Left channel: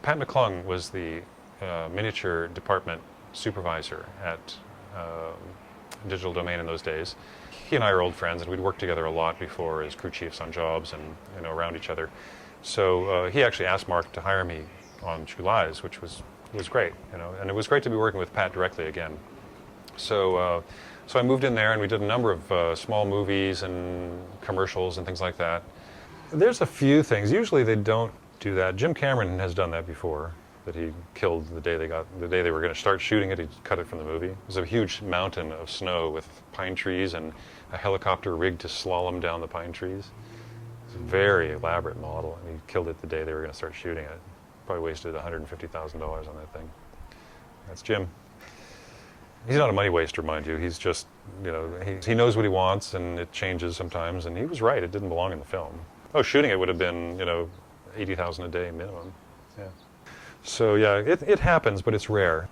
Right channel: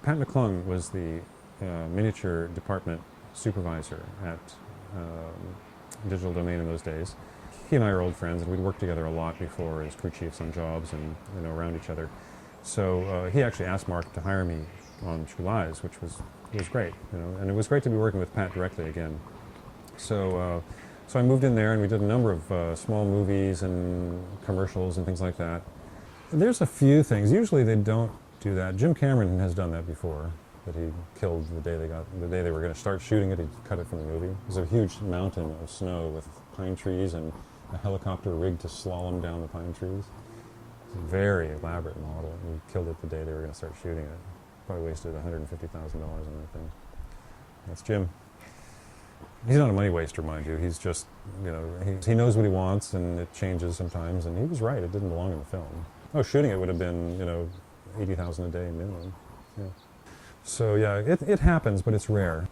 Pat Mcclung was the miniature department supervisor at Digital Domain in those days. He and I are old friends, and we'd worked together a lot before as crew chiefs on jobs and around each other. So he actually asked Mark to hire me on True Lies, which was great, and it was great to be working with Pat directly again. So so I moved in there, and we did a number of small movies and commercials and things like that. There's a few things. Usually they don't do that. Jim Cameron has done that before. That he killed the day they were going to start shooting it. He cut it from the movie. It was a huge mountain of snow with pine trees and a helicopter rigged to slalom down the pine trees. It's a very elaborate model, and he killed it the day they were going to start shooting it. Probably wasted $150,000 on that thing. That's Jim. He's not a money waster, mind you. He's just, he knows what he wants, and it changes sometimes. And he was right; it didn't belong in the film. Oh, shooting it would have been, $80,000 a day minimum. Yeah. So yeah, it happens, but it's rare.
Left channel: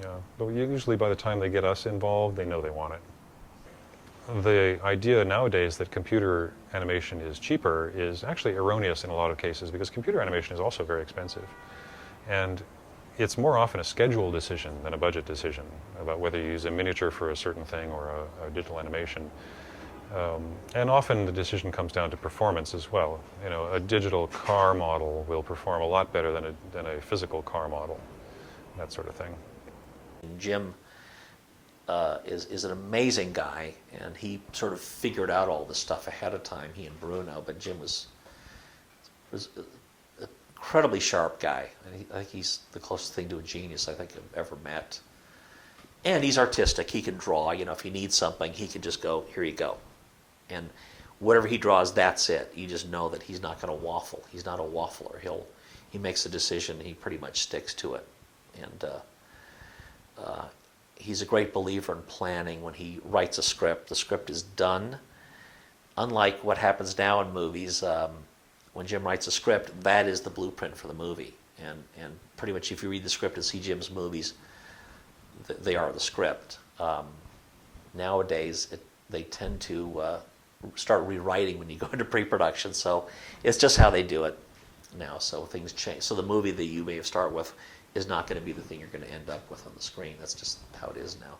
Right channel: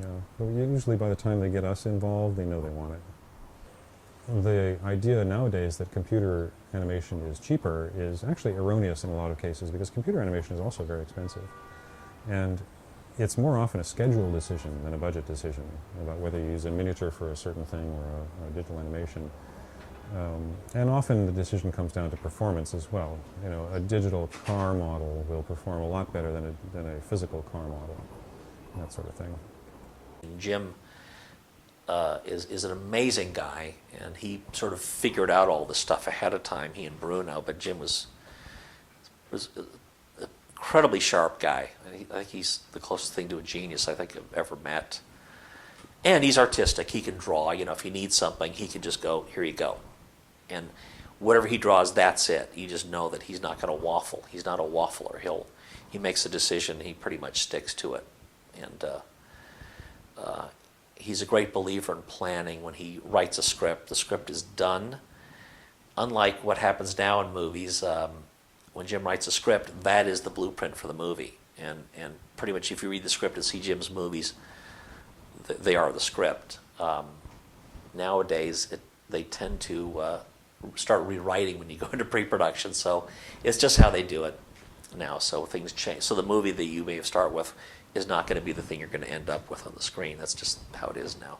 Yeah. But usually by the time they get us involved, they know they want it. The idea nowadays that computer animation is cheaper is actually erroneous in a lot of cases, because computer animation is also very expensive. And it's more often a schedule decision than a budget decision about whether you use a miniature for a certain thing or a digital animation. And often the decision comes down to performance as well. A digital car model will perform a lot better than a physical car model, that sort of thing. Jim is an amazing guy, and he sort of figured out all this stuff ahead of time, he and Bruno, but Jim was an incredibly sharp guy. I think he's the closest thing to a genius I think I've ever met. And he's artistic. He can draw. If he needs something, he can just go, here you go. And whatever he draws, that's it. You just know that he's not going to waffle. He's not a waffler. He makes a decision, he pretty much sticks to it. And he's a great believer in planning. When he writes a script, the script is done. Unlike what happens now in movies, when Jim writes a script, that is the blueprint for the movie. And pretty much if you read the script and see Jim's movies, they are the script. Nowadays, they tend to start rewriting when you go into pre-production, so it's just how they do it now. So things change. So the movie that you may have started with is not going to be the thing you're going to end up with on the screen. That's just how it is now.